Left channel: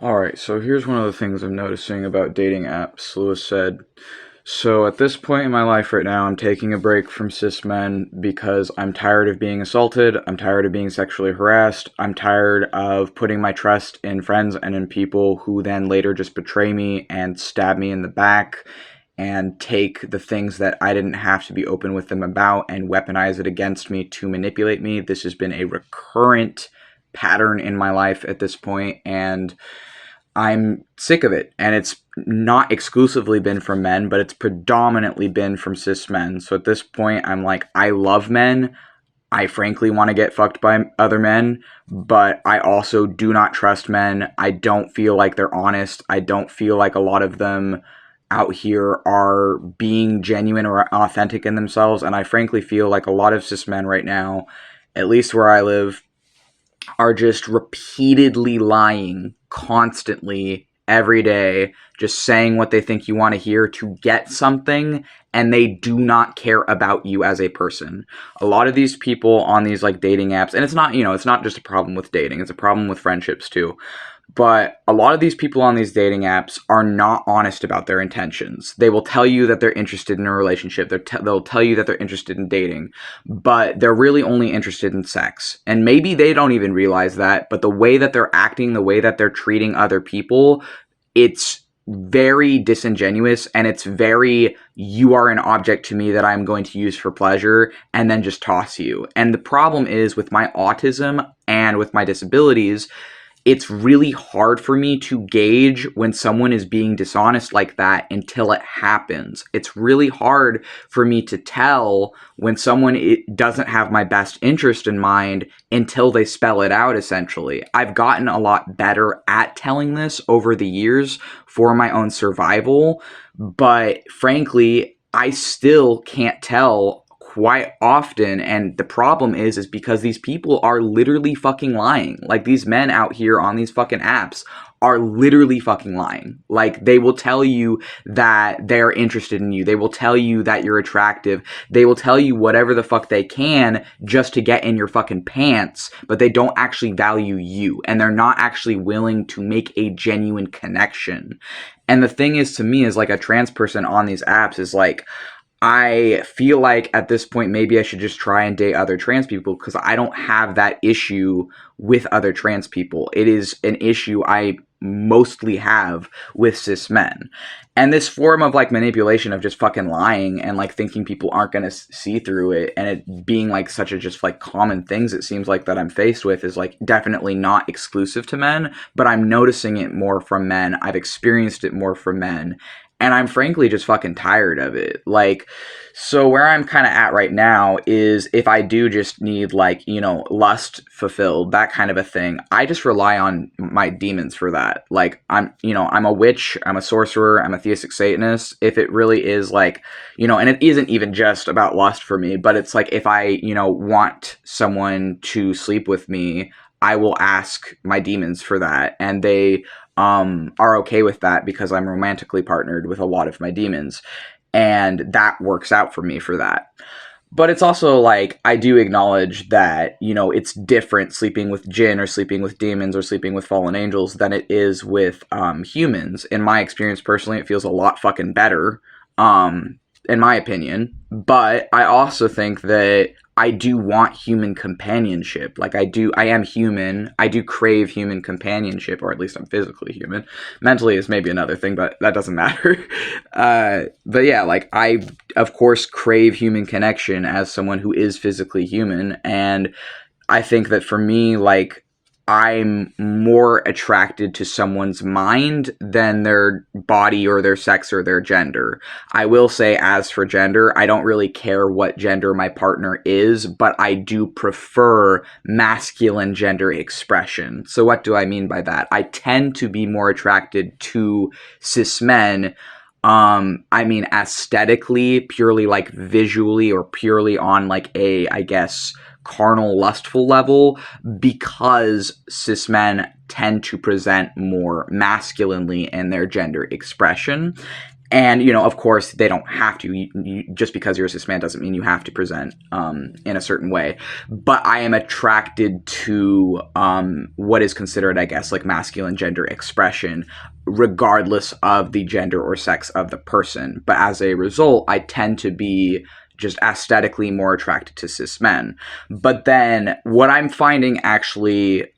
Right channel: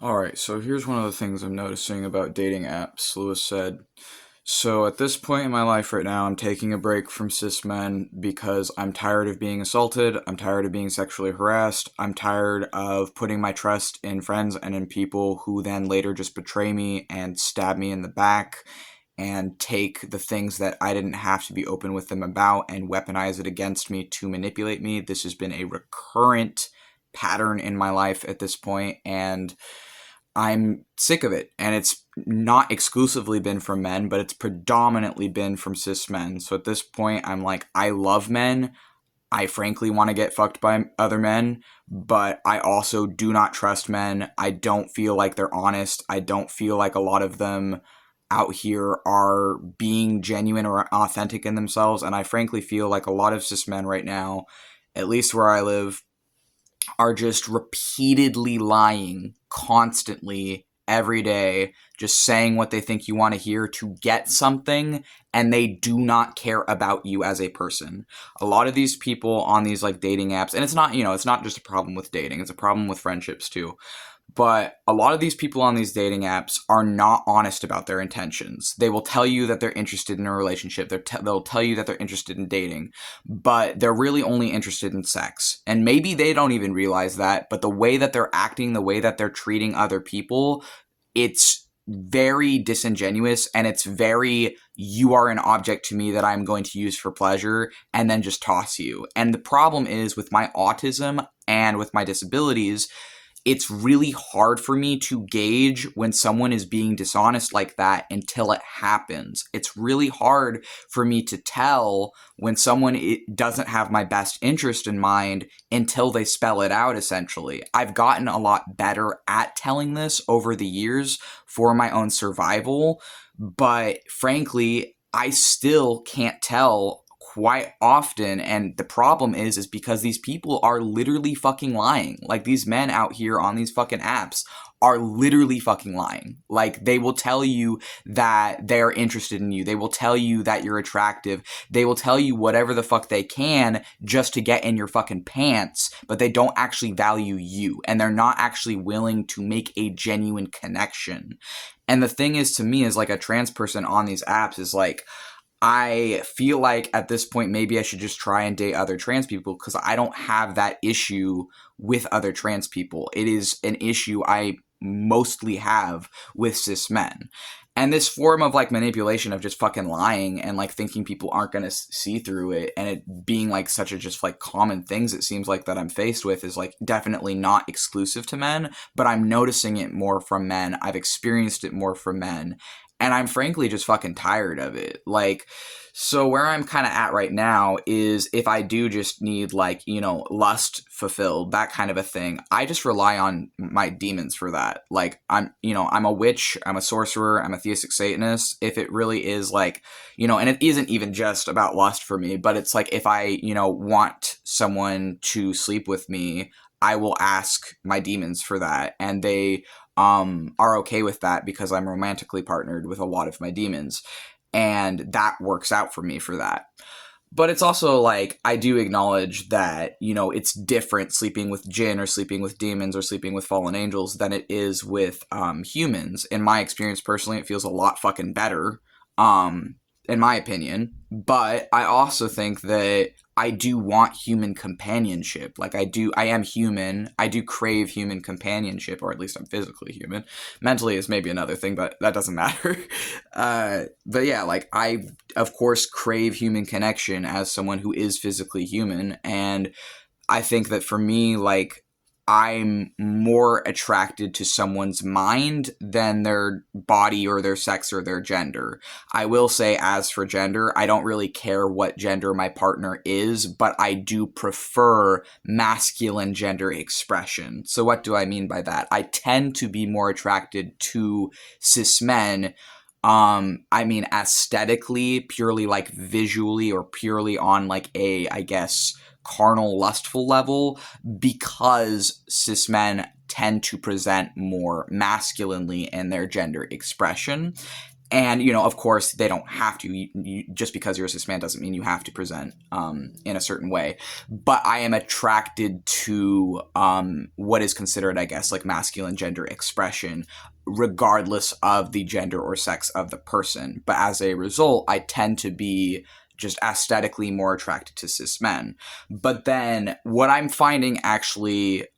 Alright, so here's one of the things I'm noticing about dating apps. Lewis said, so at this point in my life right now, I'm taking a break from cis men because I'm tired of being assaulted, I'm tired of being sexually harassed, I'm tired of putting my trust in friends and in people who then later just betray me and stab me in the back and take the things that I didn't have to be open with them about and weaponize it against me to manipulate me. This has been a recurrent pattern in my life at this point, and I'm sick of it. And it's not exclusively been from men, but it's predominantly been from cis men. So at this point, I'm like, I love men. I frankly want to get fucked by other men, but I also do not trust men. I don't feel like they're honest. I don't feel like a lot of them out here are being genuine or authentic in themselves. And I frankly feel like a lot of cis men right now, at least where I live, are just repeatedly lying constantly every day, just saying what they think you want to hear to get something, and they do not care about you as a person. A lot of these people on these like dating apps, and it's not, it's not just a problem with dating, it's a problem with friendships too. But a lot of these people on these dating apps are not honest about their intentions. They will tell you that they're interested in a relationship. They'll tell you that they're interested in dating, but they're really only interested in sex. And maybe they don't even realize that, but the way that they're acting, the way that they're treating other people, it's very disingenuous, and it's very, you are an object to me that I'm going to use for pleasure and then just toss you. And the problem is with my autism and with my disabilities, it's really hard for me to gauge when someone is being dishonest like that until it happens. It's really hard for me to tell when someone doesn't have my best interest in mind until they spell it out, essentially. I've gotten a lot better at telling this over the years for my own survival, but frankly, I still can't tell quite often, and the problem is because these people are literally fucking lying. Like, these men out here on these fucking apps are literally fucking lying. Like, they will tell you that they're interested in you, they will tell you that you're attractive, they will tell you whatever the fuck they can just to get in your fucking pants, but they don't actually value you, and they're not actually willing to make a genuine connection. And the thing is, to me, as like a trans person on these apps, is like, I feel like at this point, maybe I should just try and date other trans people, because I don't have that issue with other trans people. It is an issue I mostly have with cis men. And this form of like manipulation of just fucking lying and like thinking people aren't going to see through it, and it being like such a just like common things, it seems like, that I'm faced with, is like definitely not exclusive to men, but I'm noticing it more from men. I've experienced it more from men. And I'm frankly just fucking tired of it. Like, so where I'm kind of at right now is, if I do just need like, lust fulfilled, that kind of a thing, I just rely on my demons for that. Like, I'm a witch, I'm a sorcerer, I'm a theistic Satanist. If it really is like, and it isn't even just about lust for me, but it's like, if I, want someone to sleep with me, I will ask my demons for that, and they are okay with that because I'm romantically partnered with a lot of my demons, and that works out for me for that. But it's also like, I do acknowledge that, it's different sleeping with jinn or sleeping with demons or sleeping with fallen angels than it is with humans. In my experience personally, it feels a lot fucking better, in my opinion. But I also think that I do want human companionship. Like, I am human. I do crave human companionship, or at least I'm physically human. Mentally is maybe another thing, but that doesn't matter. But yeah, like, I, of course, crave human connection as someone who is physically human. And I think that for me, like, I'm more attracted to someone's mind than their body or their sex or their gender. I will say, as for gender, I don't really care what gender my partner is, but I do prefer masculine gender expression. So what do I mean by that? I tend to be more attracted to cis men. I mean, aesthetically, purely like visually, or purely on like a, I guess, carnal, lustful level, because cis men tend to present more masculinely in their gender expression. And, you know, of course, they don't have to. Just because you're a cis man doesn't mean you have to present in a certain way. But I am attracted to what is considered, I guess, like masculine gender expression, regardless of the gender or sex of the person. But as a result, I tend to be just aesthetically more attracted to cis men. But then what I'm finding actually,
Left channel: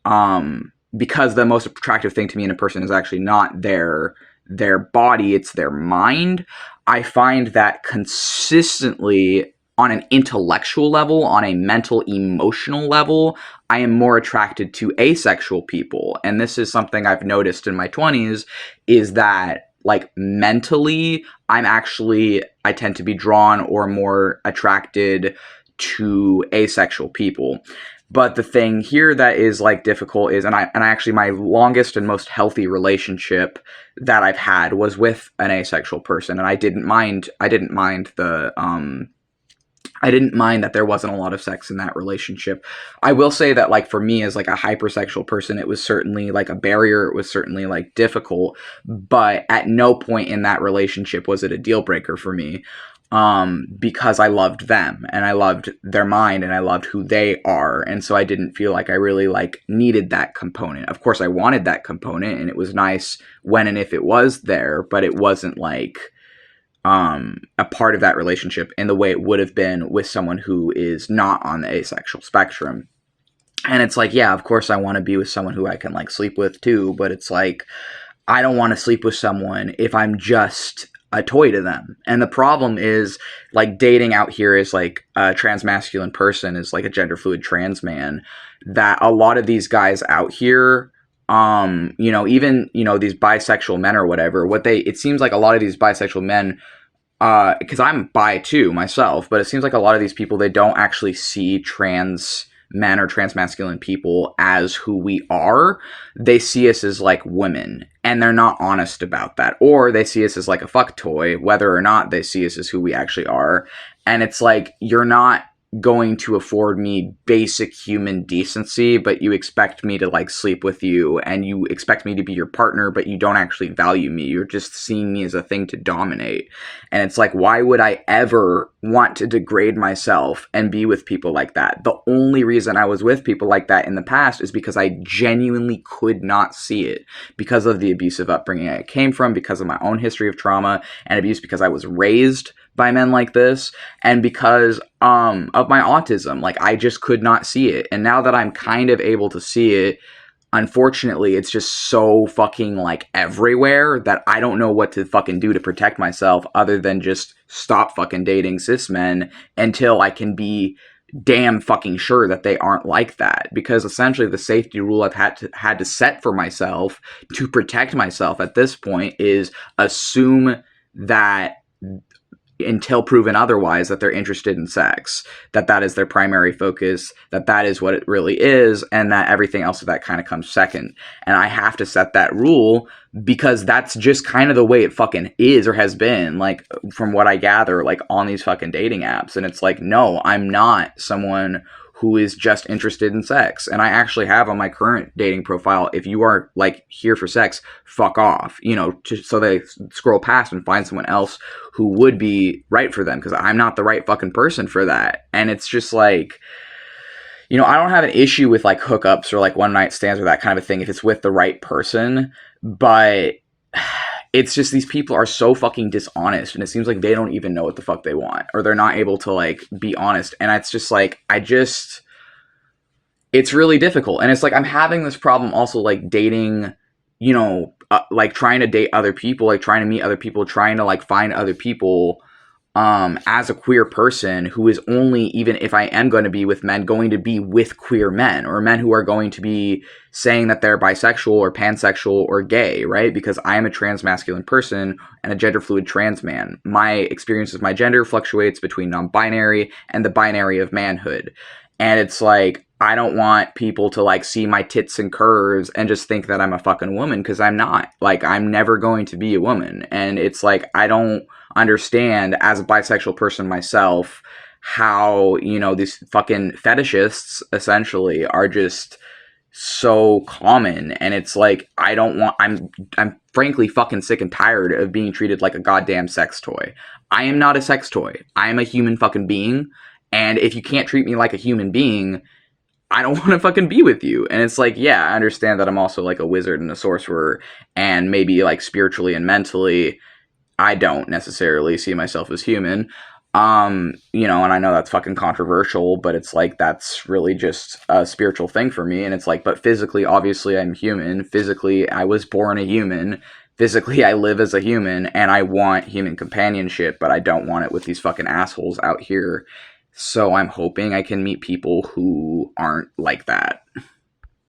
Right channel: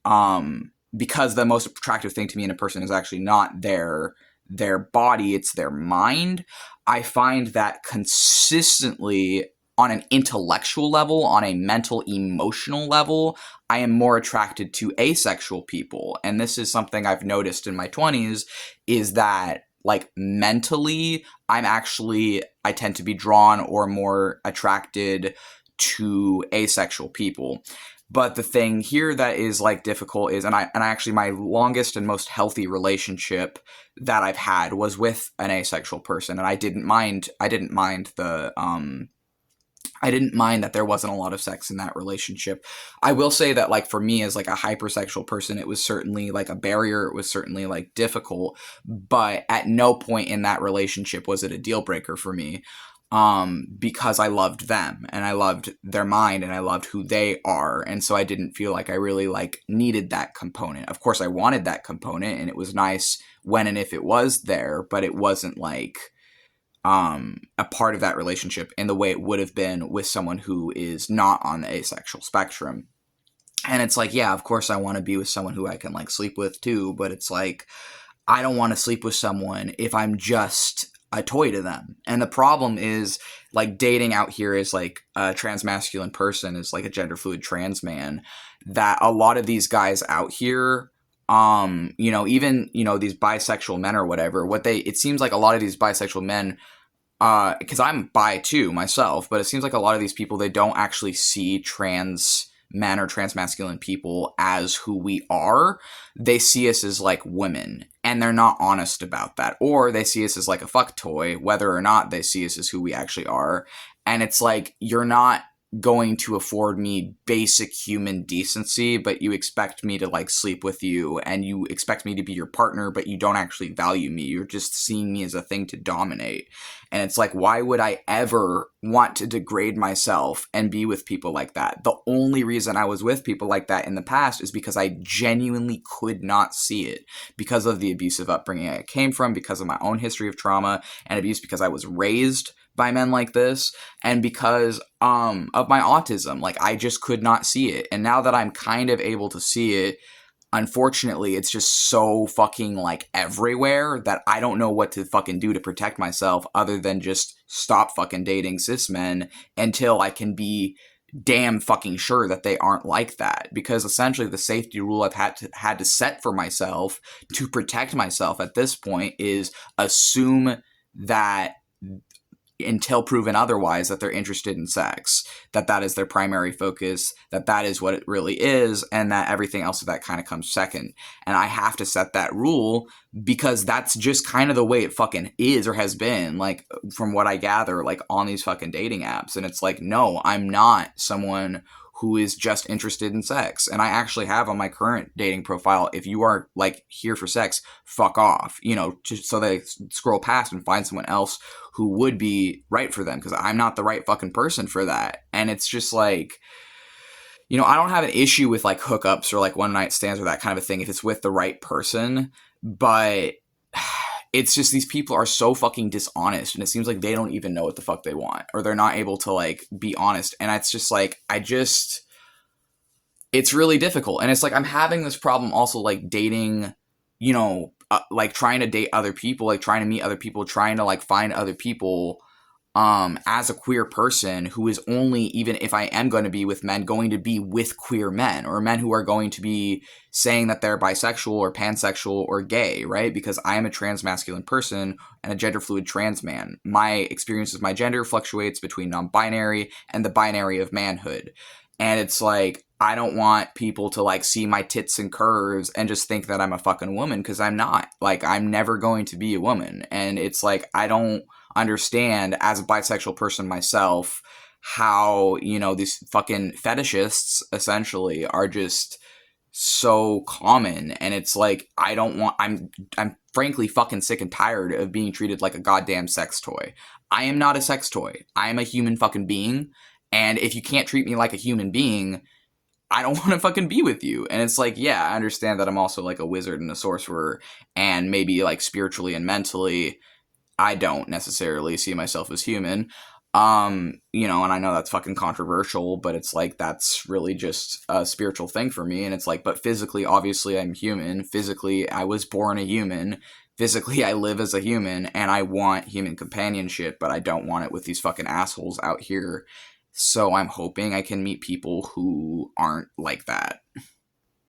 because the most attractive thing to me in a person is actually not their body, it's their mind. I find that consistently on an intellectual level, on a mental, emotional level, I am more attracted to asexual people. And this is something I've noticed in my 20s, is that like mentally, I tend to be drawn or more attracted to asexual people. But the thing here that is like difficult is, and I actually, my longest and most healthy relationship that I've had was with an asexual person, and I didn't mind that there wasn't a lot of sex in that relationship. I will say that, like, for me as like a hypersexual person, it was certainly like a barrier. It was certainly like difficult, but at no point in that relationship was it a deal breaker for me. Because I loved them and I loved their mind and I loved who they are. And so I didn't feel like I really like needed that component. Of course I wanted that component and it was nice when and if it was there, but it wasn't like a part of that relationship in the way it would have been with someone who is not on the asexual spectrum. And it's like, yeah, of course I want to be with someone who I can like sleep with too, but it's like, I don't want to sleep with someone if I'm just a toy to them. And the problem is, like, dating out here is like a transmasculine person, is like a gender fluid trans man, that a lot of these guys out here, you know, even, you know, these bisexual men or whatever, it seems like a lot of these bisexual men, because I'm bi too myself, but it seems like a lot of these people, they don't actually see trans men or transmasculine people as who we are. They see us as like women, and they're not honest about that. Or they see us as like a fuck toy, whether or not they see us as who we actually are. And it's like, you're not going to afford me basic human decency, but you expect me to like sleep with you, and you expect me to be your partner, but you don't actually value me. You're just seeing me as a thing to dominate. And it's like, why would I ever want to degrade myself and be with people like that? The only reason I was with people like that in the past is because I genuinely could not see it, because of the abusive upbringing I came from, because of my own history of trauma and abuse, because I was raised by men like this, and because of my autism. Like, I just could not see it. And now that I'm kind of able to see it, unfortunately, it's just so fucking like everywhere that I don't know what to fucking do to protect myself other than just stop fucking dating cis men until I can be damn fucking sure that they aren't like that. Because essentially the safety rule I've had to set for myself to protect myself at this point is assume that, until proven otherwise, that they're interested in sex, that is their primary focus, that is what it really is, and that everything else of that kind of comes second. And I have to set that rule because that's just kind of the way it fucking is, or has been, like, from what I gather, like, on these fucking dating apps. And it's like, no, I'm not someone who is just interested in sex. And I actually have on my current dating profile, if you are like here for sex, fuck off, you know, so they scroll past and find someone else who would be right for them, because I'm not the right fucking person for that. And it's just like, you know, I don't have an issue with like hookups or like one night stands or that kind of a thing if it's with the right person, but it's just, these people are so fucking dishonest, and it seems like they don't even know what the fuck they want, or they're not able to like be honest. And it's just like, it's really difficult. And it's like, I'm having this problem also like dating, you know, like trying to date other people, like trying to meet other people, trying to like find other people as a queer person who is only, even if I am going to be with men, going to be with queer men, or men who are going to be saying that they're bisexual or pansexual or gay, right? Because I am a transmasculine person and a gender fluid trans man. My experience with my gender fluctuates between non-binary and the binary of manhood. And it's like, I don't want people to like see my tits and curves and just think that I'm a fucking woman, because I'm not. Like, I'm never going to be a woman. And it's like, I don't understand, as a bisexual person myself, how, you know, these fucking fetishists essentially are just so common, and it's like I don't want I'm frankly fucking sick and tired of being treated like a goddamn sex toy. I am not a sex toy. I am a human fucking being, and if you can't treat me like a human being, I don't want to fucking be with you. And it's like, yeah, I understand that I'm also like a wizard and a sorcerer, and maybe like spiritually and mentally I don't necessarily see myself as human. And I know that's fucking controversial, but it's like that's really just a spiritual thing for me. And it's like, but physically, obviously, I'm human. Physically, I was born a human. Physically, I live as a human, and I want human companionship, but I don't want it with these fucking assholes out here. So I'm hoping I can meet people who aren't like that.